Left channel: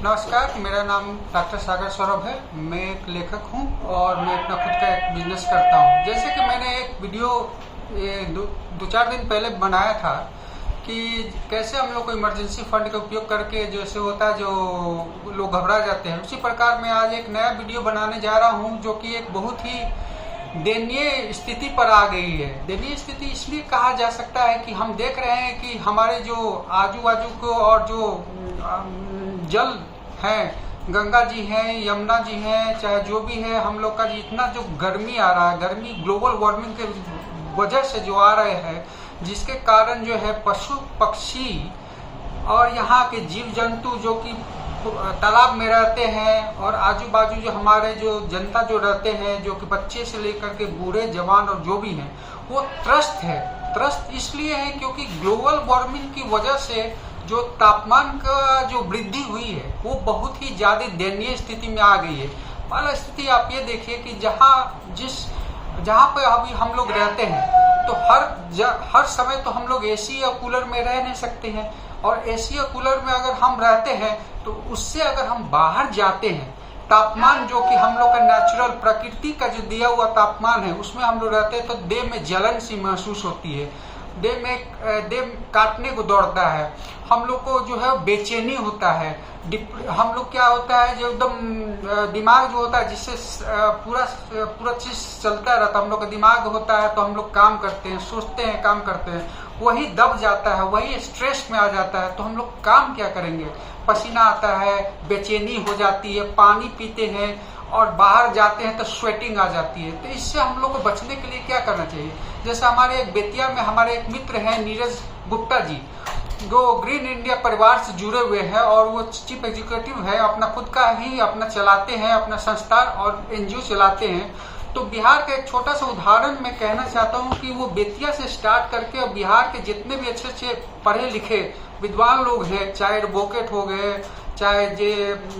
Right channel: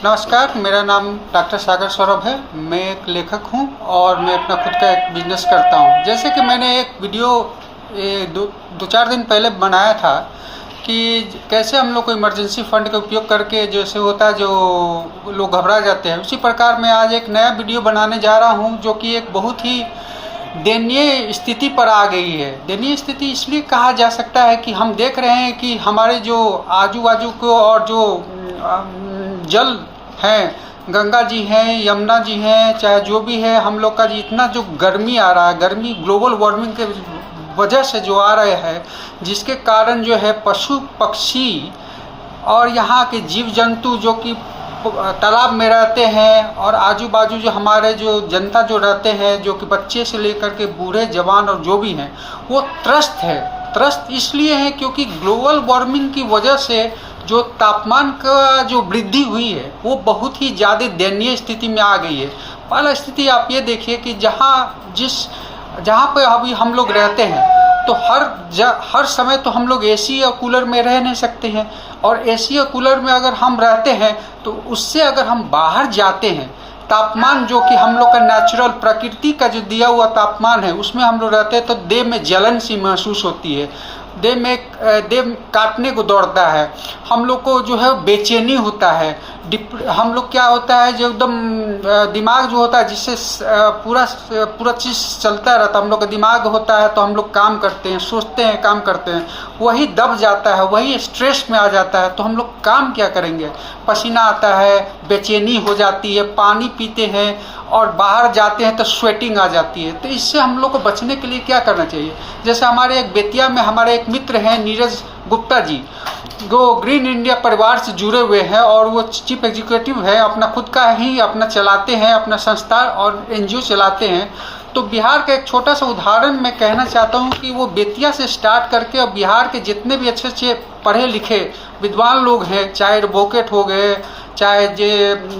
नमस्कार, मेरा नाम डॉक्टर सागर सौरभ है। मैं एक लेखक हूं और मैं अपना खुद का एक बिजनेस करता हूं। जैसे कि मैंने एक वीडियो दो चार दिन पहले बनाया था कि कैसे हम लोग को इमरजेंसी फंड का उपयोग करके जैसे होता है जो लोग घबरा जाते हैं, उसी प्रकार मैं आज एक नया वीडियो बनाने जा रहा हूं जो कि एक बहुत ही दयनीय स्थिति पर आ गई है। दयनीय स्थिति इसलिए कहा जा सकता है कि हम देख रहे हैं कि हमारे जो आजू बाजू को और जो जल हैं, गंगा जी हैं, यमुना जी हैं, चाहे जो भी है, हम लोग का इतना जो गर्मी आ रहा है, गर्मी ग्लोबल वार्मिंग के वजह से जो आ रहे हैं, जिसके कारण जो है पशु पक्षी और यहाँ के जीव जंतु जो कि तालाब में रहते हैं और आजू बाजू जो हमारे जो जनता जो रहते हैं, जो कि बच्चे से लेकर के बूढ़े जवान और जो भी हैं, वो त्रस्त है। त्रस्त इसलिए है क्योंकि ग्लोबल वार्मिंग की वजह से जो तापमान का जो वृद्धि हुई है वो बहुत ही ज़्यादा दयनीय स्थिति में आ गई है। पहला स्थिति आप ये देखिए कि जहाँ पे अभी हम लोग रहते हैं तो हर समय तो हम लोग एसी या कूलर में रह नहीं सकते हैं, और एसी या कूलर में अगर हम रहते हैं तो उससे अगर हम बाहर जाते हैं, तापमान जो कि हम लोग का नेचुरल प्रकृति का जो दिया हुआ तापमान है उसमें हम लोग रहते हैं तो देह में जलन सी महसूस होती है, देह काटने को दौड़ता है, हम लोग को जो है बेचैनी होता है, हम लोग क्या होता है जो एकदम दिमाग जो होता है जिससे पूरा चीज़ चलता रहता है, हम लोग का दिमाग होता है तो हम लोग काम करते हैं, सोचते हैं, काम करते हैं, वही दब जाता है, वही स्ट्रेस में आ जाता है, तो हम लोग काम क्या करेंगे। पसीना आता है, बेचैनी हो जाती है, पानी पीते हैं और बाहर जाते हैं तो स्वेटिंग आ जाती है। तो इससे हम लोग को बचने के लिए क्या करना चाहिए। जैसे हमारे एक बेतिया में हमारे एक मित्र हैं नीरज गुप्ता जी, जो ग्रीन इंडिया परिवार से जुड़े हुए हैं और वो चीफ एग्जीक्यूटिव है, अपना खुद का ही अपना चलाते हैं, अपना संस्था और एनजीओ चलाते हैं। तो बिहार का एक छोटा सा उदाहरण मैं कहना चाहता हूँ कि वो बेतिया से स्टार्ट करके और बिहार के जितने भी अच्छे अच्छे पढ़े लिखे विद्वान लोग हैं, चाहे एडवोकेट हो गए, चाहे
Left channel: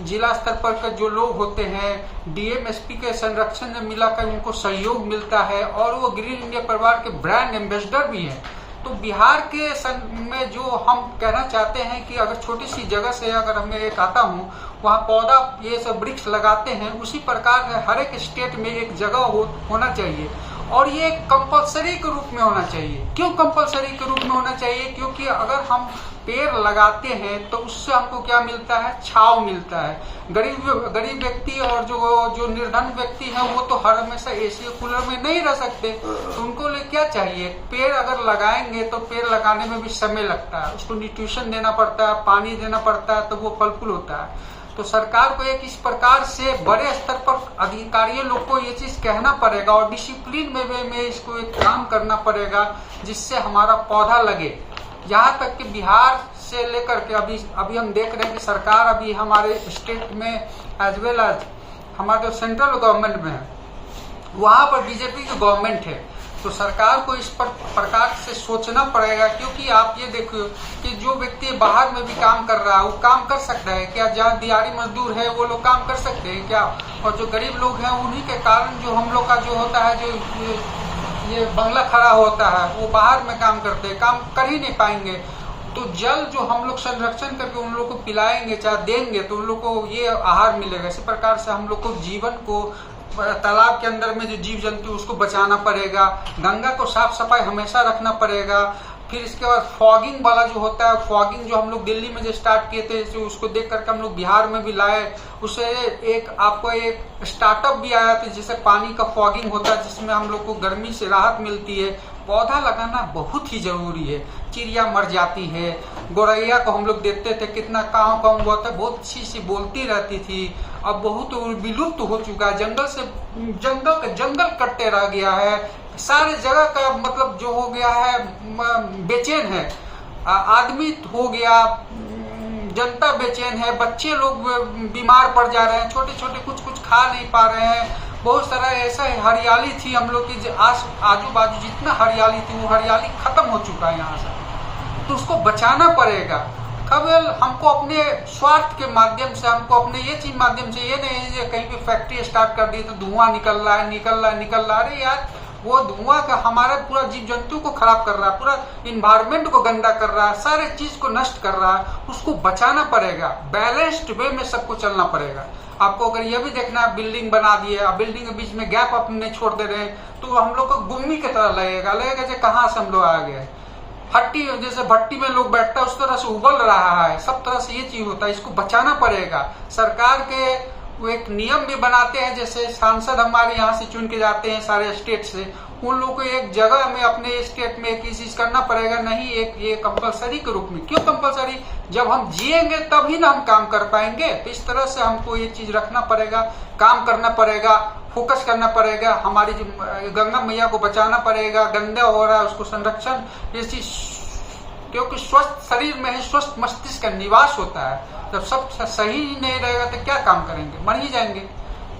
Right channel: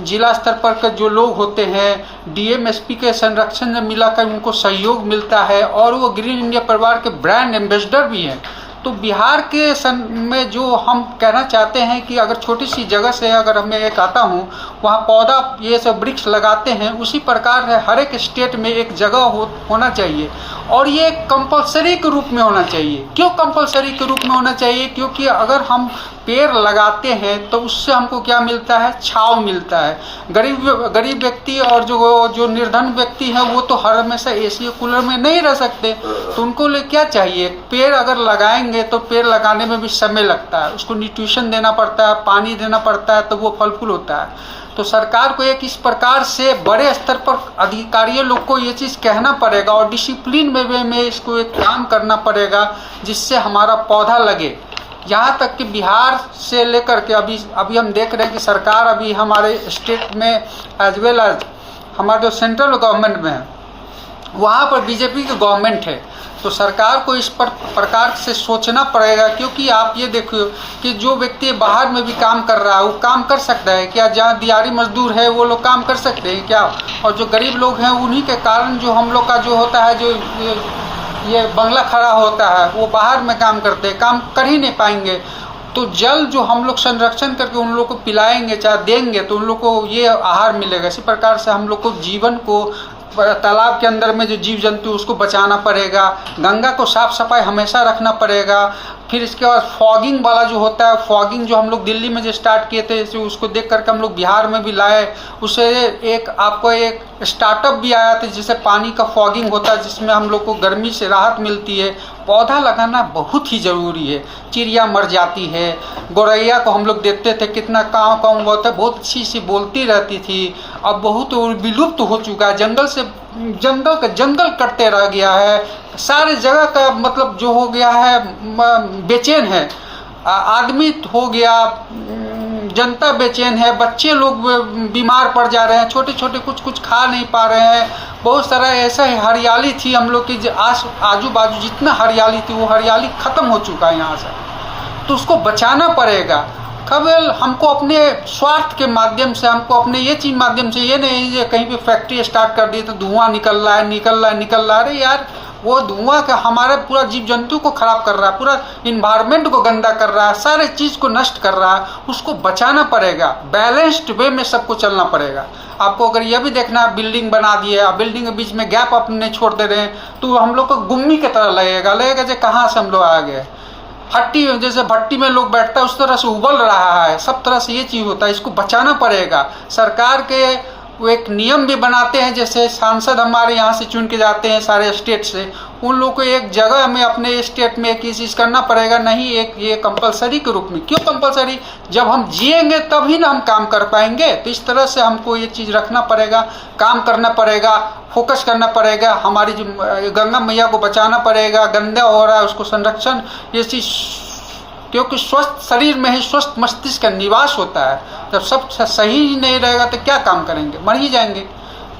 जिला स्तर पर जो लोग होते हैं, डीएमएसपी के संरक्षण में मिलाकर उनको सहयोग मिलता है और वो ग्रीन इंडिया परिवार के ब्रांड एम्बेसडर भी हैं। तो बिहार के में जो हम कहना चाहते हैं कि अगर छोटी सी जगह से अगर मैं एक आता हूँ, वहाँ पौधा ये सब वृक्ष लगाते हैं, उसी प्रकार है हर एक स्टेट में एक जगह होना चाहिए और ये कंपलसरी के रूप में होना चाहिए। क्यों कंपलसरी के रूप में होना चाहिए? क्योंकि अगर हम पेड़ लगाते हैं तो उससे हमको क्या मिलता है, छांव मिलता है। गरीब व्यक्ति और जो निर्धन व्यक्ति हैं वो तो हर हमेशा एसी कूलर में नहीं रह सकते, तो उनको लिए क्या चाहिए, पेड़ अगर लगाएंगे तो पेड़ लगाने में भी समय लगता है, उसको न्यूट्रिशन देना पड़ता है, पानी देना पड़ता है, तो वो फल फूल होता है। तो सरकार को एक इस प्रकार से बड़े स्तर पर अधिकारियों लोग को ये चीज़ कहना पड़ेगा और डिसिप्लिन में इसको एक काम करना पड़ेगा जिससे हमारा पौधा लगे। यहाँ तक कि बिहार से लेकर के अभी हम देख रहे हैं कि सरकार अभी हमारे स्टेट में एज वेल एज हमारे जो सेंट्रल गवर्नमेंट में है वहाँ पर बीजेपी की गवर्नमेंट है, तो सरकार को इस प्रकार से सोचना पड़ेगा। क्योंकि आप ये देखो कि जो व्यक्ति बाहर में भी काम कर रहा है वो काम कर सकता है क्या, जहाँ दिहाड़ी मजदूर है वो लोग काम कर सकते हैं क्या, और जो गरीब लोग हैं उन्हीं के कारण जो हम लोग का जो होता है, जो ये बंगला खड़ा होता है, वो बाहर में काम करते हैं, काम कर ही नहीं पाएंगे। तो जल जो हम लोग संरक्षण करके उन लोग को पिलाएंगे, चाहे देंगे, तो उन लोग को ये आहार मिलेगा। इसी प्रकार से हम लोग को जीवन को तालाब के अंदर में जो जीव जंतु उसको बचाना पड़ेगा, गंगा को साफ सफाई हमेशा रखना पड़ेगा। फिर इसके बाद फॉगिंग वाला जो होता है, फॉगिंग जो हम लोग दिल्ली में जो स्टार्ट किए थे, जो उसको देख करके हम लोग बिहार में भी लाए, उससे आपको एक स्टार्टअप भी आया था जिससे पानी का फॉगिंग होता है, जिसमें हम लोग को गर्मी से राहत मिलती है। पौधा लगाना बहुत ही ज़रूरी है। चिड़िया मर जाती है, गौरैया को हम लोग देखते थे कितना काँव काँव बहुत है, बहुत अच्छी सी बोलती रहती थी, अब बहुत विलुप्त हो चुका है। जंगल कटते रह गया है, सारे जगह का मतलब जो हो गया है बेचैन है, आदमी हो गया, जनता बेचैन है, बच्चे लोग बीमार पड़ जा रहे हैं, छोटे छोटे कुछ खा नहीं पा रहे हैं। बहुत सारा ऐसा हरियाली थी हम लोग की आजू बाजू जितना हरियाली थी वो हरियाली ख़त्म हो चुका है यहाँ से, तो उसको बचाना पड़ेगा। केवल हमको अपने स्वार्थ के माध्यम से, हमको अपने ये चीज़ माध्यम से, ये नहीं कहीं भी फैक्ट्री स्टार्ट कर दी तो धुआं निकल रहा है। अरे यार, वो धुआं का हमारे पूरा जीव जंतु को खराब कर रहा है, पूरा इन्वायरमेंट को गंदा कर रहा है, सारे चीज़ को नष्ट कर रहा है। उसको बचाना पड़ेगा, बैलेंस्ड वे में सबको चलना पड़ेगा। आपको अगर यह भी देखना है बिल्डिंग बना दिए, अब बिल्डिंग के बीच में गैप अपने छोड़ दे रहे हैं, तो हम लोग को गुम्मी की तरह लगेगा जो कहाँ से हम लोग आ गए। हट्टी जैसे भट्टी में लोग बैठता है उस तरह से उबल रहा है, सब तरह से ये चीज़ होता है। इसको बचाना पड़ेगा। सरकार के वो एक नियम भी बनाते हैं, जैसे सांसद हमारे यहाँ से चुन के जाते हैं सारे स्टेट से, उन लोगों को एक जगह में अपने स्टेट में एक चीज़ करना पड़ेगा, नहीं एक ये कंपलसरी के रूप में। क्यों कंपलसरी? जब हम जिएंगे तभी ना हम काम कर पाएंगे। तो इस तरह से हमको ये चीज़ रखना पड़ेगा, काम करना पड़ेगा, फोकस करना पड़ेगा। हमारी जो गंगा मैया को बचाना पड़ेगा, गंदा हो रहा है उसको संरक्षण, ये चीज़, क्योंकि स्वस्थ शरीर में ही स्वस्थ मस्तिष्क का निवास होता है। जब सब सही ही नहीं रहेगा तो क्या काम करेंगे, मर ही जाएंगे।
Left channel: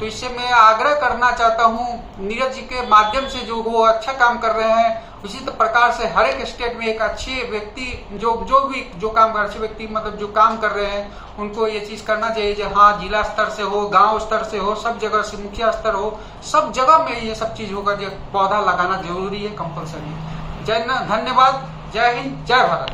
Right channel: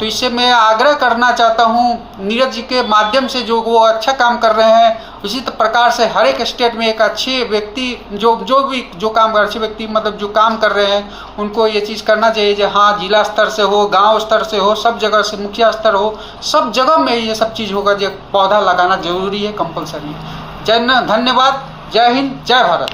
तो इससे मैं आग्रह करना चाहता हूँ नीरज जी के माध्यम से, जो वो अच्छा काम कर रहे हैं, उसी प्रकार से हर एक स्टेट में एक अच्छे व्यक्ति जो काम कर, अच्छे व्यक्ति मतलब जो काम कर रहे हैं, उनको ये चीज़ करना चाहिए। जो हाँ, जिला स्तर से हो, गांव स्तर से हो, सब जगह से, मुखिया स्तर हो, सब जगह में ये सब चीज़ होगा। जो पौधा लगाना जरूरी है, कंपलसरी है। धन्यवाद। जय हिंद, जय भारत।